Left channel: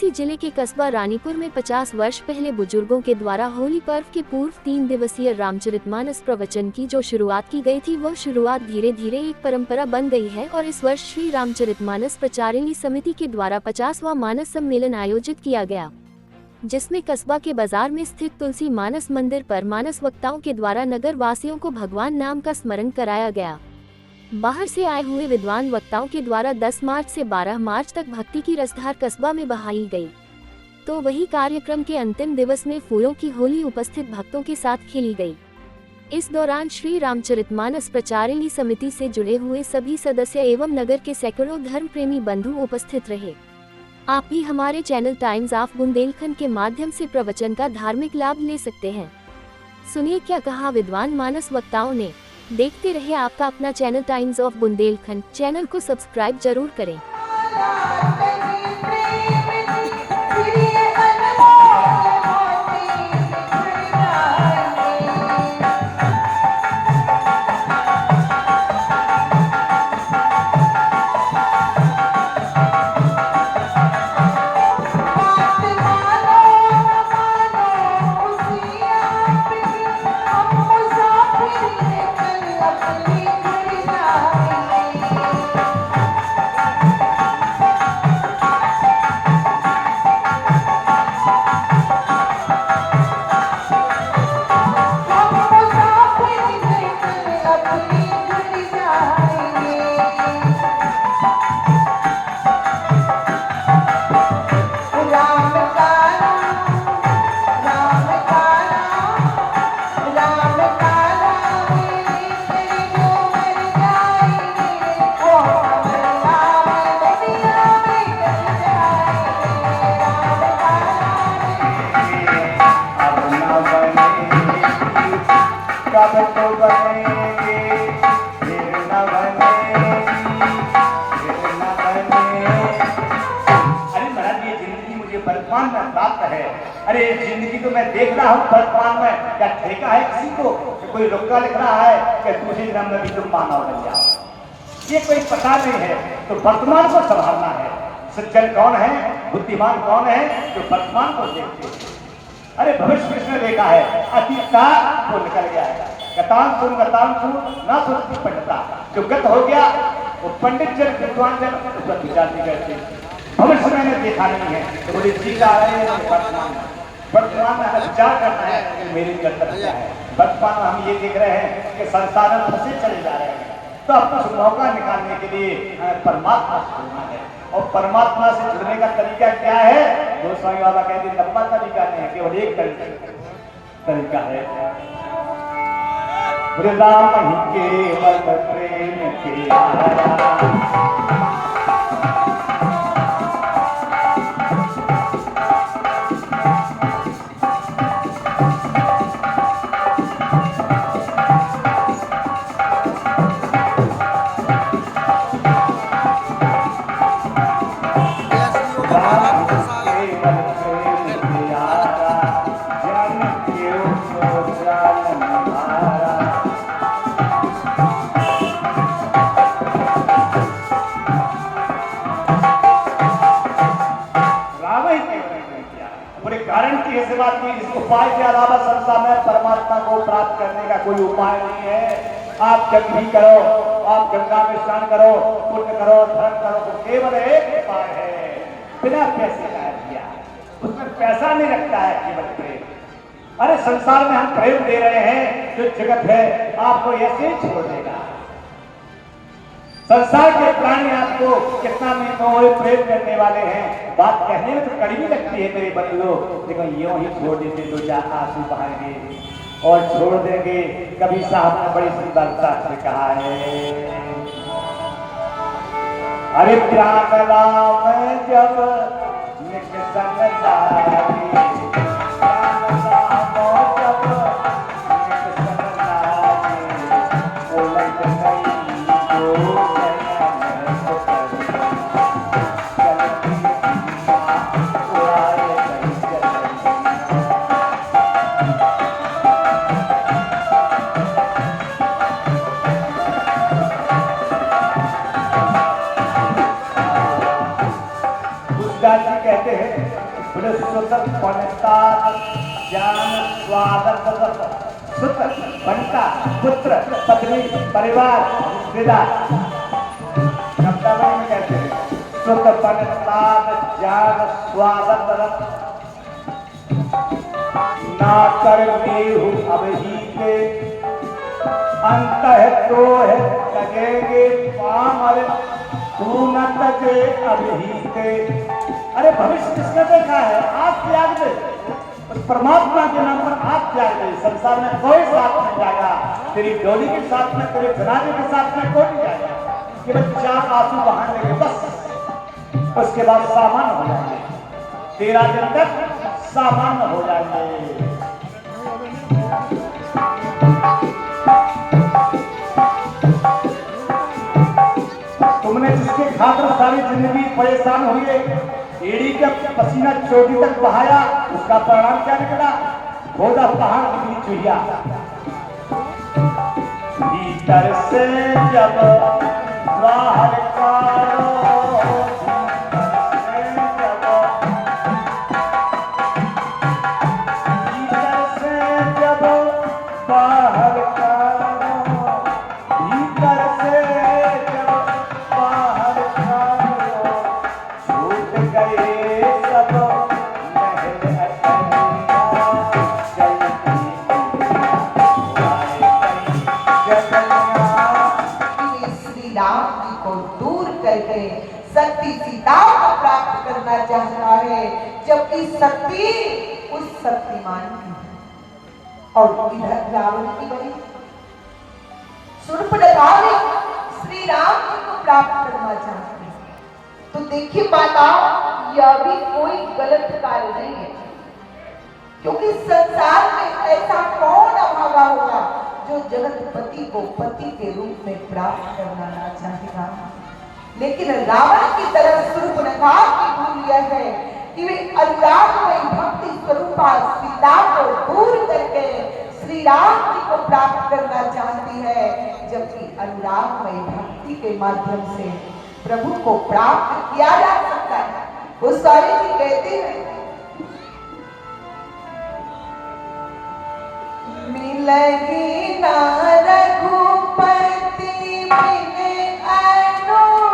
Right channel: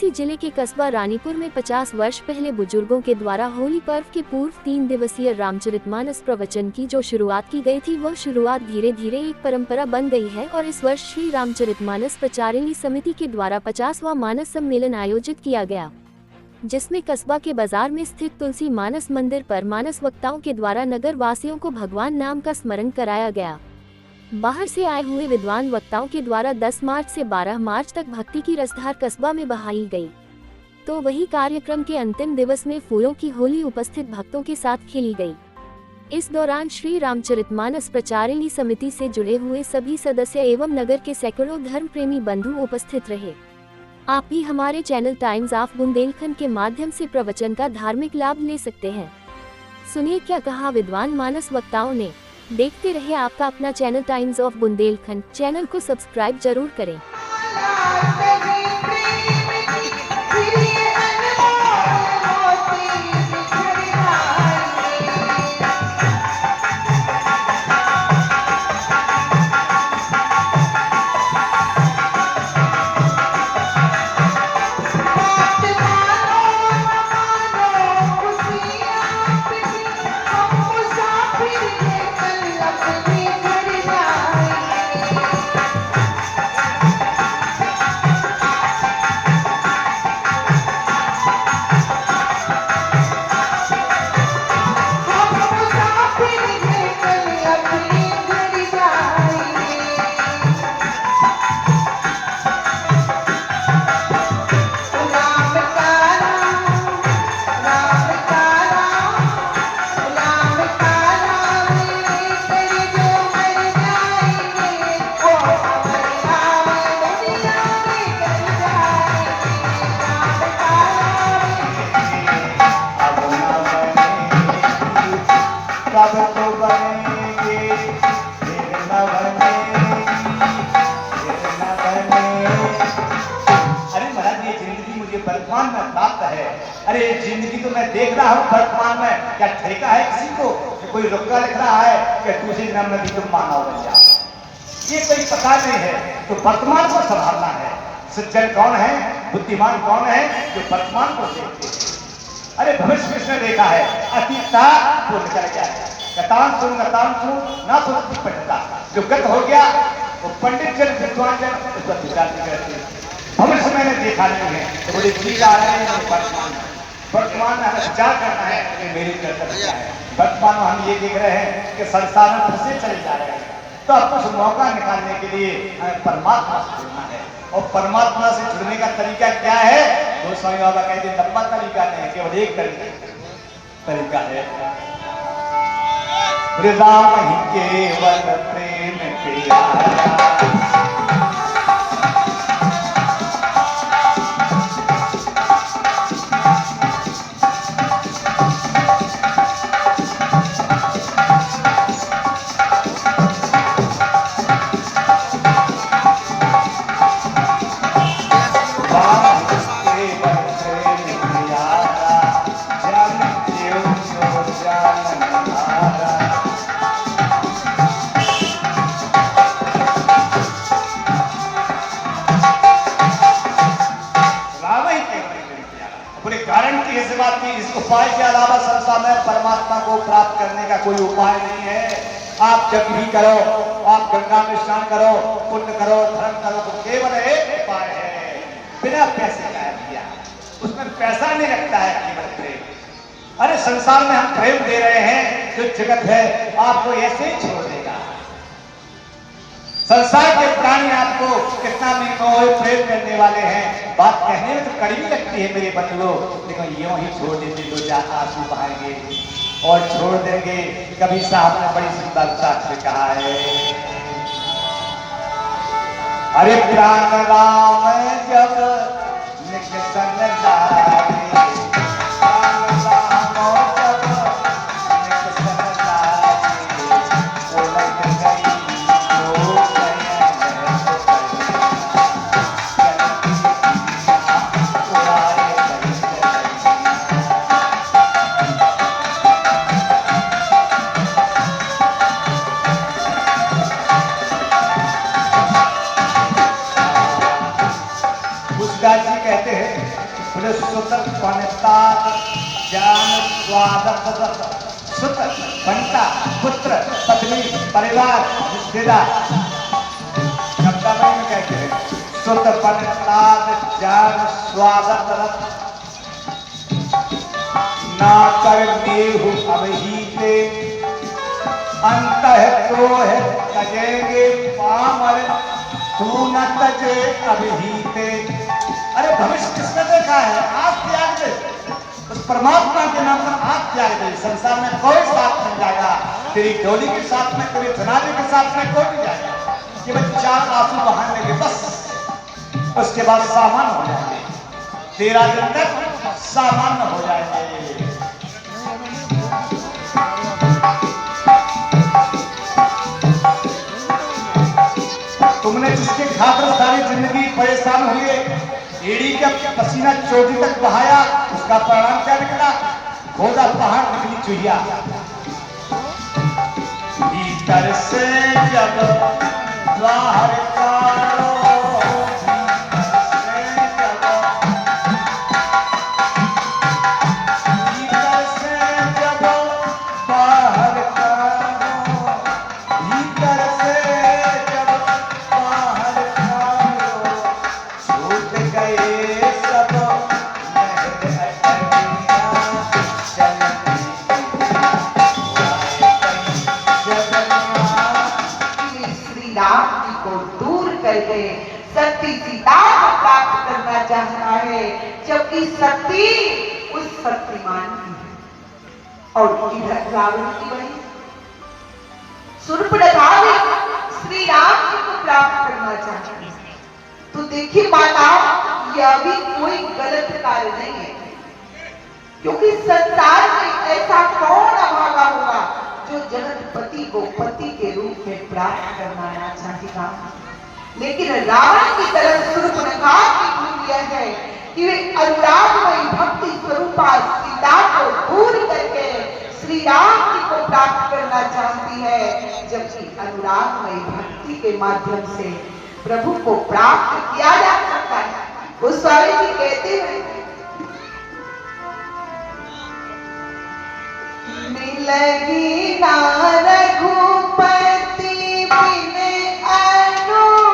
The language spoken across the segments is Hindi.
वाराणसी जिले के कस्बा रानीपुर में 50 वर्ष पहले बुजुर्गों के द्वारा होली पर्व के पूर्व 3 दिवसीय रामचरितमानस प्रवचन की जो शुरुआत की गई थी, वह शुरुआत धीरे धीरे एक परंपरा बन गई है और इस वर्ष श्री रामचरितमानस प्रचारिणी समिति के द्वारा 50वां मानस सम्मेलन आयोजित किया गया, जिसमें कस्बा के बाजार में स्थित तुलसी मानस मंदिर पर मानस वक्ताओं के द्वारा नगर वासियों को भगवान नाम का स्मरण कराया गया। बाहर से आए हुए विद्वान वक्ताओं के द्वारा 10 मार्च से 12 मार्च तक भक्ति की रसधार कस्बा में बहाई गई। तो वही कार्यक्रम के अंतिम दिवस में फूलों की होली उपस्थित भक्तों के साथ खेली गई। इस दौरान श्री रामचरितमानस प्रचारिणी समिति से जुड़े हुए सभी सदस्य एवं नगर के सैकड़ों धर्म प्रेमी बंधु उपस्थित रहे। आप भी हमारे चैनल टाइम्स ऑफ बुंदेलखंड के माध्यम से प्रवचन का धार्मिक लाभ ले सकते हैं। सुनिए क्या कहा विद्वान मानस वक्ताओं ने। देखते रहे आपका अपना channel times of Bundelkhand. Channel को सब्सक्राइब जरूर करें। वर्तमान में बात है। अरे जिंदगी तो मैं देख रहा हूँ वर्तमान में, क्या ठेका है किसी को कि कोई रुका लिख रहा है कि दूसरे जन्म में भी तुम मानव बन जाओ, ये कोई पता नहीं है। तो वर्तमान को संभालना है। सज्जन कौन है, बुद्धिमान कौन है, जो वर्तमान को देखते हैं। अरे भविष्य किसने देखा है, अतीता वो निकल गया है। गतान ना सोचती पंडिता, जो गत हो गया वो पंडित जन विद्वान जन उसका विचार नहीं करते। भविष्य मैंने देखा नहीं है तो बोले ठीक आ रहे हैं। वर्तमान में हमें विचार करना है कि मेरी कर्तव्य क्या है। वर्तमान में हम ये देख रहे हैं कि संसार में फंसे चले जा रहे हैं, तो अब कुछ मौका निकालने के लिए हमें परमात्मा से जुड़ना है। और परमात्मा से जुड़ने का तरीका क्या है, जो स्वामी बाबा कहते हैं लंबा तरीका नहीं है, केवल एक तरीका है। राम ही केवल प्रेम प्यारा, गारंटी ऐसी बात की इस उपाय के अलावा संसार में परमात्मा को प्राप्त करने का कोई उपाय नहीं है। आप जब भी करो, आप गंगा में स्नान करो, पुण्य करो, धर्म करो, तो केवल एक उपाय है, बिना पैसे का दिया। उसमें पैसा नहीं रखता है, केवल प्रेम। अरे संसार में हम प्रेम दे रहे हैं, जो जगत है आपको ऐसे ही छोड़ देगा। संसार के प्राणी आपको कितना भी प्रेम करने वाले हैं, बात कहने में तो कड़वी लगती है मेरे बंधुओं, लेकिन यूं ही छोड़ देते तो जा आंसू बहाएंगे और छोड़ देंगे। कभी साहब ने बड़ी सुंदरता से कहा है, अरे प्राण राम जब निज संग लागे, कहते हैं सुत बनता ज्ञान स्वागत सुत बनता पुत्र पत्नी परिवार रिश्तेदार शब्दावली में कहते हैं सुत बनता ज्ञान स्वागत ना कर देहु अभिहीते अंत तो है तजेगे पामर तू न तजे अभिहीते। अरे भविष्य किसने देखा है? आज त्याग दे, उस परमात्मा के नाम पर आज त्याग दे। संसार में कोई साथ नहीं जाएगा, तेरी डोली के साथ में, तेरे जनाजे के साथ में कोई नहीं जाएगा। केवल 4 आंसू बहाने के बस, उसके बाद सामान्य हो जाएंगे। 13 दिन तक सामान्य हो जाएंगे। तुमने जिसके खातिर सारी जिंदगी परेशान हुए, एड़ी का पसीना चोटी तक बहाया, उसका परिणाम क्या निकला? खोदा पहाड़ निकली चुहिया। भीतर से जब बाहर कारो, भीतर से जब बाहर कारो, भीतर से जब बाहर कारो, छूट गए सब लहर अटैया, चलती श्री राम जी को दूर करके सती सीता को प्राप्त करना चाह रहा है, जबकि सती उस शक्तिमान की है और इधर रावण की बड़ी शूर्पणखा भी श्री राम जी को प्राप्त करना चाहती है। तो देखिए माता, यह भी कोई गलत कार्य नहीं है, क्योंकि संसार में ऐसा कौन अभागा होगा जो जगतपति को पति के रूप में प्राप्त करना ना चाहेगा। लेकिन रावण की तरफ शूर्पणखा की भूल यह है कि वे अनुरागमयी भक्ति स्वरूपा सीता को दूर करके श्री राम जी को प्राप्त करना चाहती है, जबकि अनुरागमयी भक्ति के माध्यम से प्रभु को प्राप्त किया जा सकता है। गोस्वामी जी कहते हैं, मिलगी ना रघुपति बिन अनुरागा,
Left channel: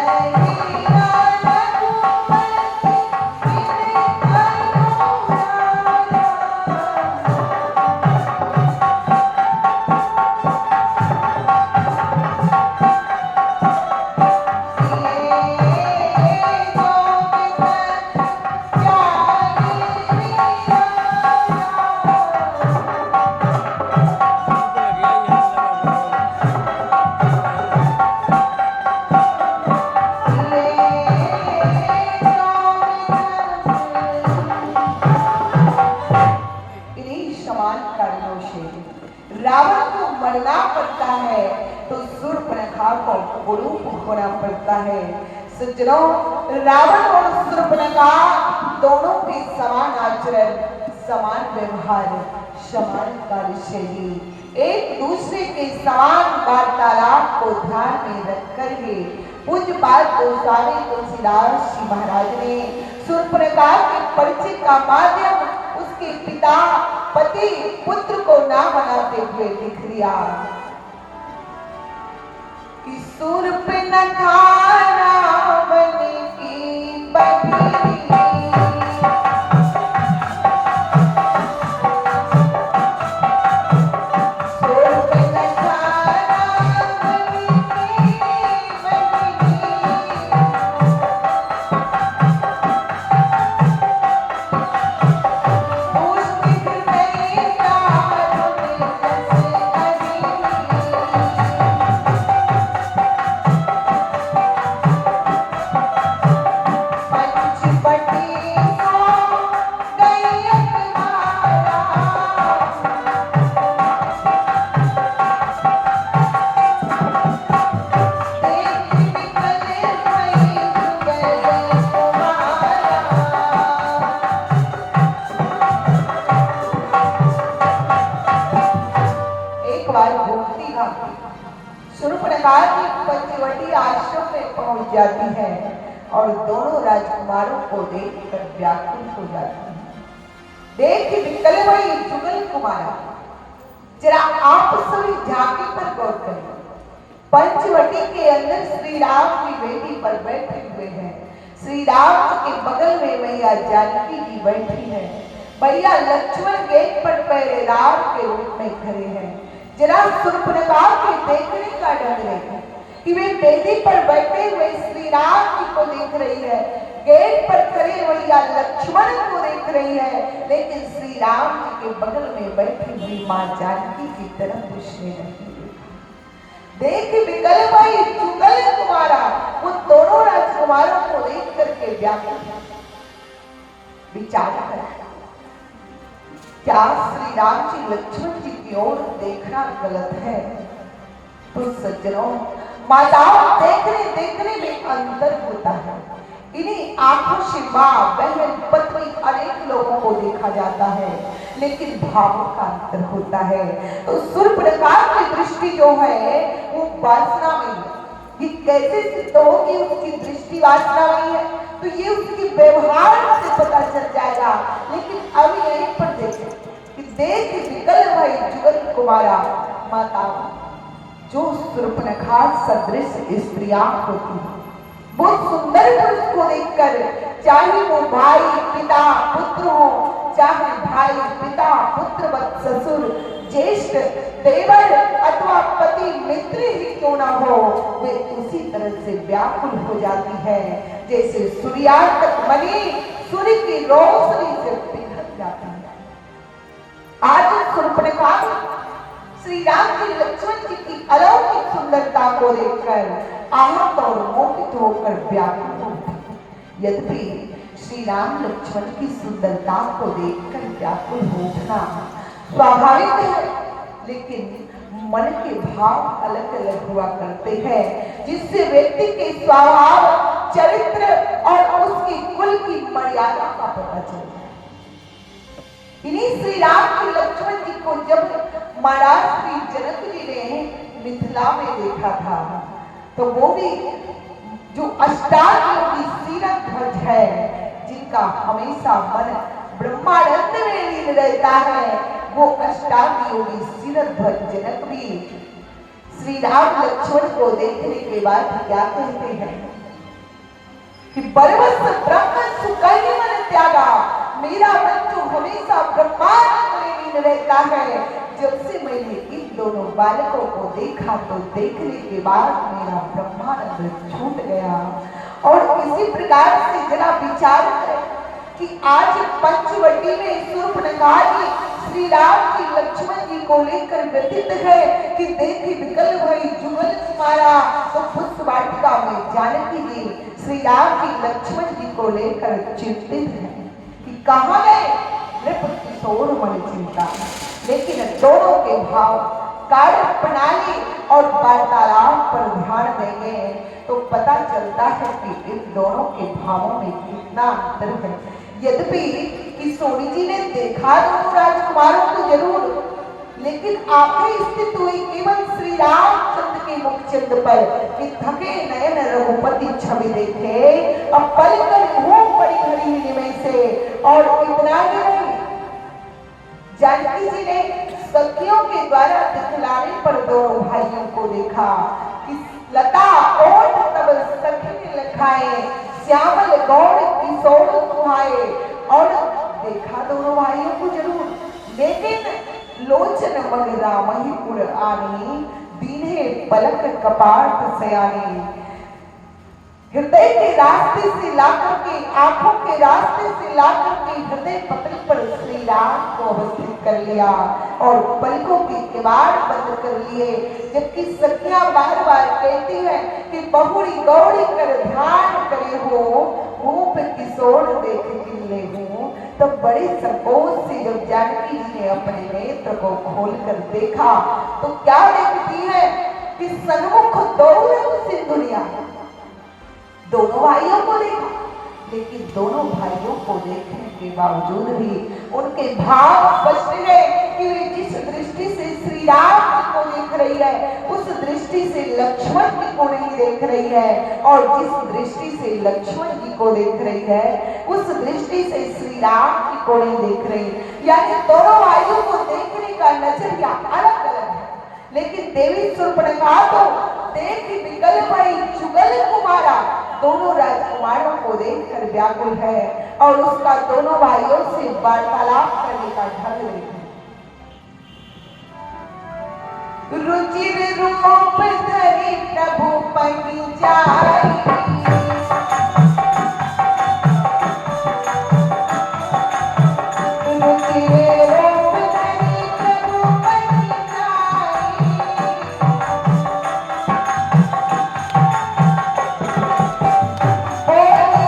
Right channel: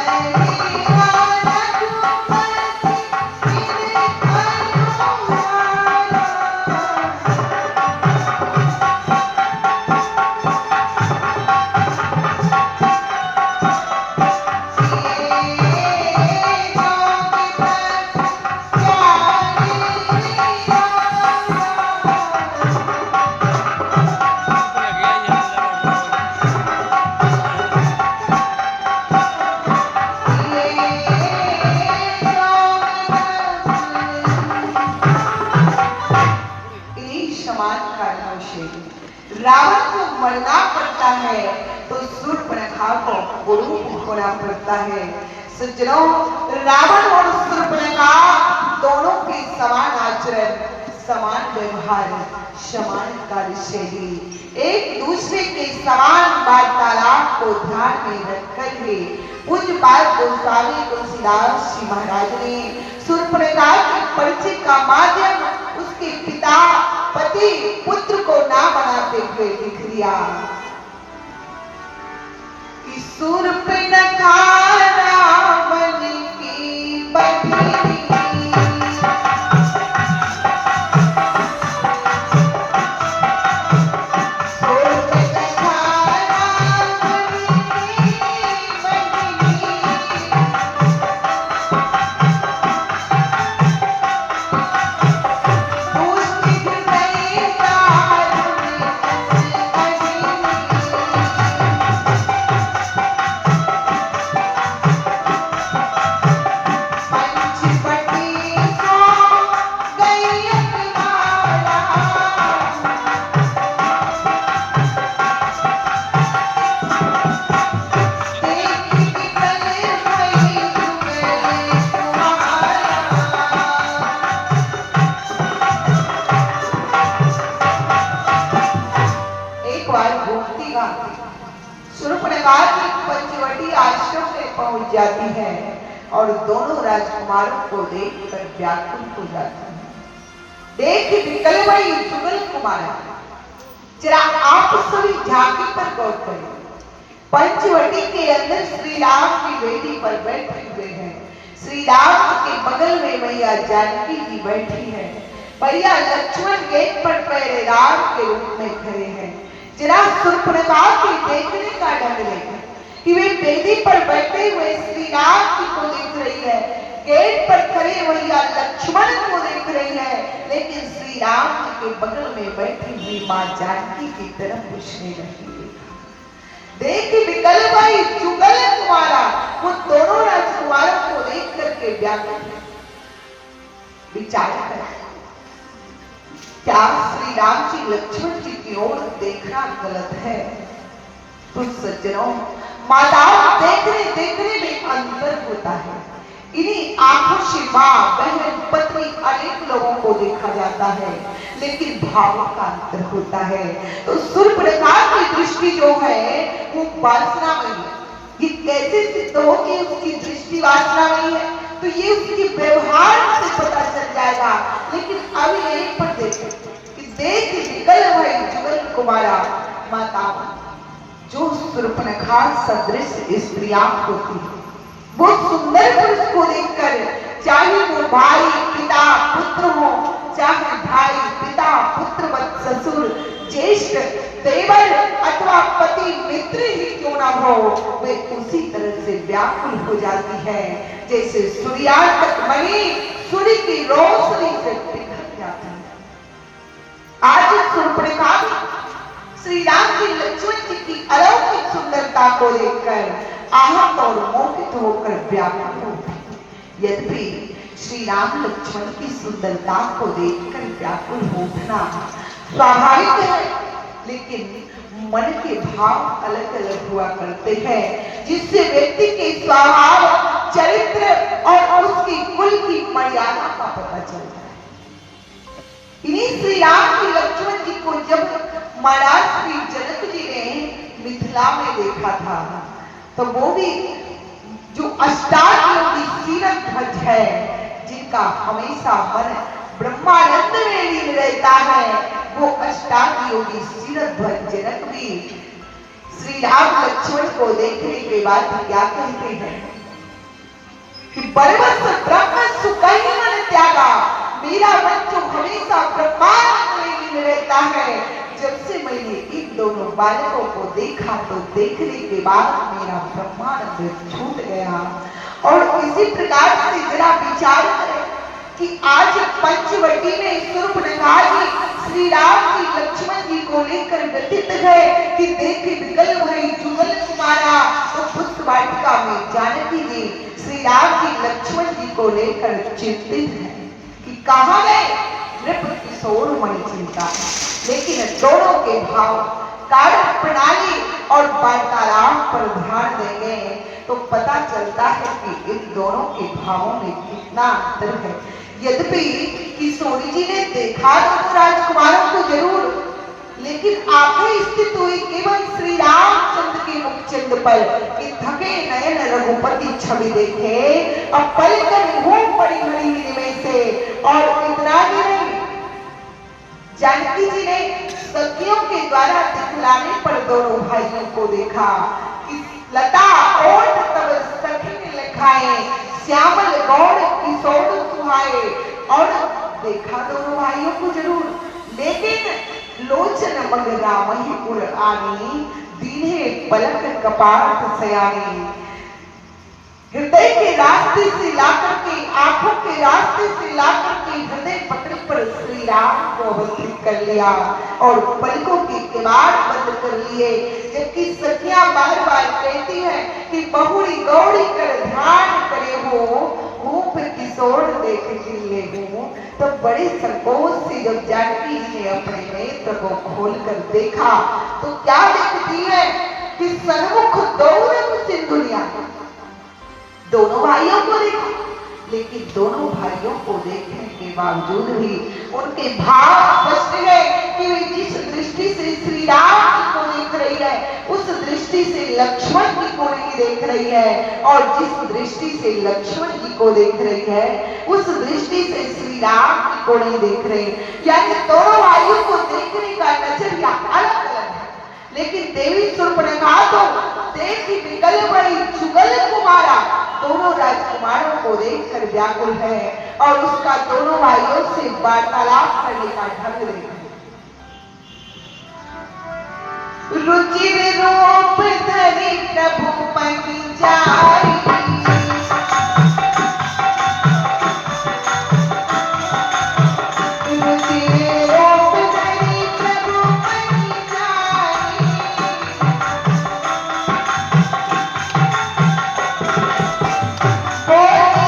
मिलगी ना रघुपति बिन अनुरागा। रावण को मरना पड़ता है तो शूर्पणखा को कुरूप होना पड़ता है। सज्जनों, रावण और शूर्पणखा दोनों के समान आचरण, समान व्यवहार, समान कार्यशैली, एक दूसरे के समान वार्तालाप को ध्यान में रखकर ही पूज्यपाद गोस्वामी तुलसीदास जी महाराज ने शूर्पणखा के परिचय का माध्यम उसके पिता, पति, पुत्र को ना बनाते हुए लिख दिया कि शूर्पणखा रावण की बहिनी, शूर्पणखा रावण की बहिनी, जाती है और दोनों राजकुमारों को देखकर व्याकुल हो जाती है। देख निकल वही जुगल कुमार, जरा आप सभी झांकी पर गौर करें। पंचवटी के अंदर श्री राम की बेटी पर बैठे हुए हैं। श्री राम जी के बगल में मैया जानकी जी बैठी है। भैया लक्ष्मण गेट पर पहरेदार के रूप में खड़े हैं। जरा सुप्रभा के देखने का ढंग है कि वे बेदी पर बैठे हुए श्री राम जी को देख रही है, गेट पर खड़े भैया लक्ष्मण को देख रही है, लेकिन श्री राम जी के बगल में बैठी हुई मां जानकी की तरफ पूछने लगी। देख विकल भाई जुगल कुमारा, वो दोनों राजकुमारों को देख करके व्याकुल विचार कर, क्या श्री राम जी लक्ष्मण जी की ओर देखना गलत है? तो सज्जनों, माताओं देखने में अंतर होता है। इन्हीं आंखों से मां, बहन, पत्नी अनेक लोगों को देखा जाता है, लेकिन भावों का अंतर होता है। तो सूर्पनखा की दृष्टि जो है वो वासनामयी है। ये कैसे सिद्ध हो कि उसकी दृष्टि वासनामयी है? तो ये उसकी व्यवहार से पता चल जाएगा। लेकिन अभी यहीं पर देखें कि देख निकल भई जुगल कुमारा, माता जो सूर्पनखा सदृश स्त्रियां होती है, वो सुंदर पुरुष को देखकर, चाहे वो भाई, पिता, पुत्र हो, चाहे भाई, पिता, पुत्र, ससुर, ज्येष्ठ, देवर अथवा पति, मित्र ही क्यों ना हो, वे उसी तरह से व्याकुल हो जाती है जैसे सूर्यास्त मणि सूर्य की रोशनी से पिघल जाती है। आज सूर्पनखा श्री राम जी लक्ष्मण जी की अलौकिक सुंदरता को देखकर आहत और मोहित होकर व्याकुल होती। यद्यपि श्री राम लक्ष्मण की सुंदरता को देखकर व्याकुल होना स्वाभाविक है, लेकिन मन के भाव अलग अलग हुआ करते हैं, जिससे व्यक्ति के स्वभाव, चरित्र और उसकी कुल की मर्यादा का पता चलता है। इन्हीं श्री राम की लक्ष्मण जी को जब महाराष्ट्र की जनक जी ने मिथिला में देखा था, तो वो भी जो अष्टादशी सीरत ध्वज है, जिनका हमेशा मन ब्रह्मानंद में लीन रहता है, वो अष्टादशी सीरत ध्वज जनक भी श्री राम लक्ष्मण को देखने के बाद क्या कहते हैं कि बरबस ब्रह्म सुकही मन त्यागा, मेरा मन जो हमेशा ब्रह्मानंद में लीन रहता है, जब से मैंने इन दोनों बालकों को देखा तो देखने के बाद मेरा ब्रह्मानंद छूट गया। और इसी प्रकार से जरा विचार करें कि आज पंचवटी में सूर्पनखा जी श्री राम जी लक्ष्मण जी को लेकर व्यतीत है कि देख विकल भई जुगल कुमारा, तो पुष्प वाटिका में जानकी जी श्री राम जी लक्ष्मण जी को लेकर चिंतित है कि कहाँ गए नृप किशोर मणि चिंता। लेकिन दोनों के भाव, कार्य प्रणाली और वार्तालाप पर ध्यान देंगे तो पता चलता है कि इन दोनों के भावों में कितना अंतर है। यद्यपि किशोरी जी ने देखा दोनों राजकुमारों को जरूर, लेकिन आंखें स्थित हुई केवल श्री रामचंद्र के मुखचंद्र पर कि थके नयन रघुपति छवि देखे, अब पलकर घूम पड़ी हरी में से। और इतना ही नहीं, जानकी जी ने सखियों के द्वारा दिखलाने पर दोनों भाइयों को देखा कि लता ओठ तब सखी ने लिखाए, श्यामल गौड़ किशोर सुहाए। और देखा दोनों भाइयों को जरूर, लेकिन लोचन मग रामहि उर आनी, दीन्हे पलक कपाट सयानी। हृदय के रास्ते से लाकर के, आंखों के रास्ते से लाकर के हृदय पकड़ पर श्री राम को अवस्थित कर लिया और पलकों के किवाड़ बंद कर लिए। जबकि सखियां बार बार कहती हैं कि बहुरी गौरी कर ध्यान करे हो, रूप किशोर देख खिले हो। तो बड़े संकोच से जब जानकी ने अपने नेत्र को खोलकर देखा तो क्या देखती है कि सन्मुख दौड़म सिंधुनिया। दोनों भाइयों को देखा, लेकिन दोनों भाइयों को देखने के बावजूद भी उनके भाव स्पष्ट है कि जिस दृष्टि से श्री राम को देख रही है उस दृष्टि से लक्ष्मण की कोड़ी देख रही है, और जिस दृष्टि से लक्ष्मण की को देख रही है उस दृष्टि से श्री राम की कोड़ी देख रही है। यानी दोनों भाइयों को देखने का नजरिया अलग अलग है, लेकिन देवी शूर्पणखा तो देख ही विकल पड़ी, जुगल कुमारा दोनों राजकुमारों को देखकर व्याकुल है और उसका दोनों भाइयों से वार्तालाप करने का ढंग देखा। रुचिर रूप धरि प्रभु पंचारी, रुचिर रूप धरि प्रभु पंचारी, बोले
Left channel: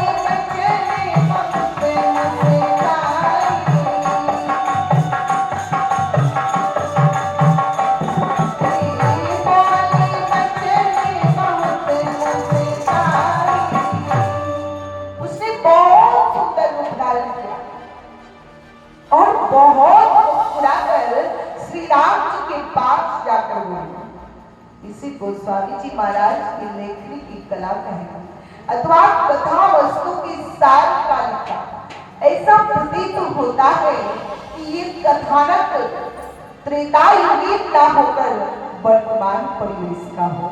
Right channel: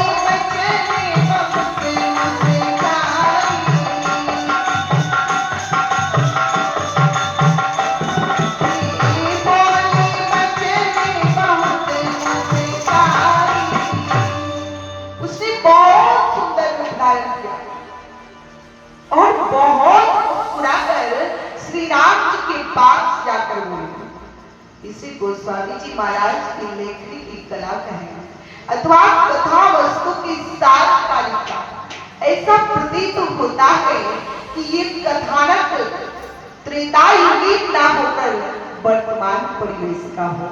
बचने बहुत मुस्काई, उसने बहुत सुंदर रूप धारण किया और बहुत मुस्कुराकर श्री राम जी के पास जाकर बोली। इसे गोस्वामी जी महाराज की लेखनी की कला कहेंगे अथवा कथा वस्तु की सार कालिका। ऐसा प्रतीत होता है कि ये कथानक त्रेता युगीन ना होकर वर्तमान परिवेश का हो।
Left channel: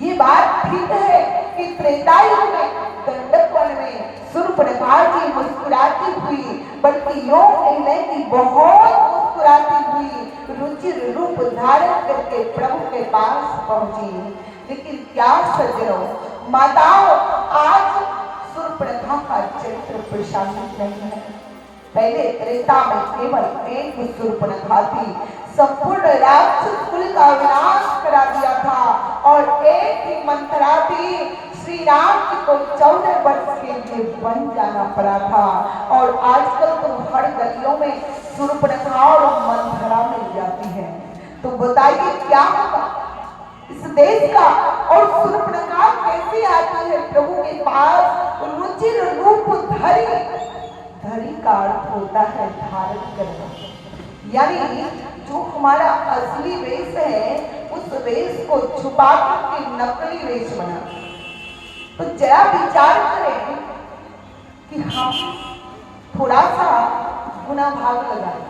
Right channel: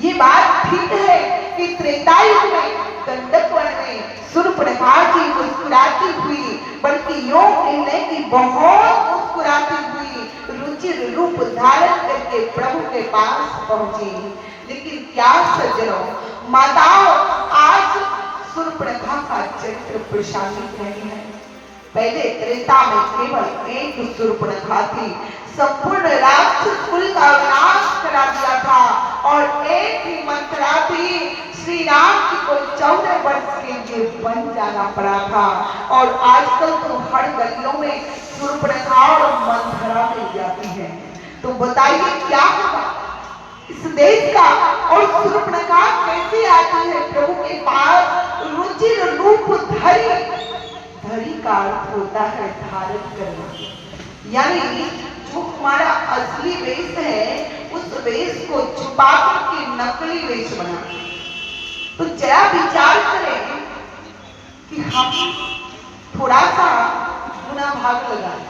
ये बात ठीक है कि त्रेता युग में गंडक वन में शूर्पणखा जी मुस्कुराती हुई, बल्कि योग निर्णय की बहुत मुस्कुराती हुई रुचिर रूप धारण करके प्रभु के पास पहुंची। लेकिन क्या सज्जनों, माताओं, आज शूर्पणखा का चरित्र प्रशांत नहीं है। पहले त्रेता में केवल एक शूर्पणखा थी, संपूर्ण राक्षस कुल का विनाश करा दिया था, और एक ही मंथरा थी, श्री राम जी को 14 वर्ष के लिए वन जाना पड़ा था। और आजकल तो हर गलियों में शूर्पणखा और मंथरा मिल जाती है। तो बताइए क्या होगा इस देश का, और शूर्पणखा कैसे आती है प्रभु के पास रुचिर रूप धरि। धरि का अर्थ होता है धारण करना, यानी जो हमारा असली वेश है उस वेश को छुपा के नकली वेश बना। तो जरा विचार करें कि हम थोड़ा सा गुना भाग लगाएं,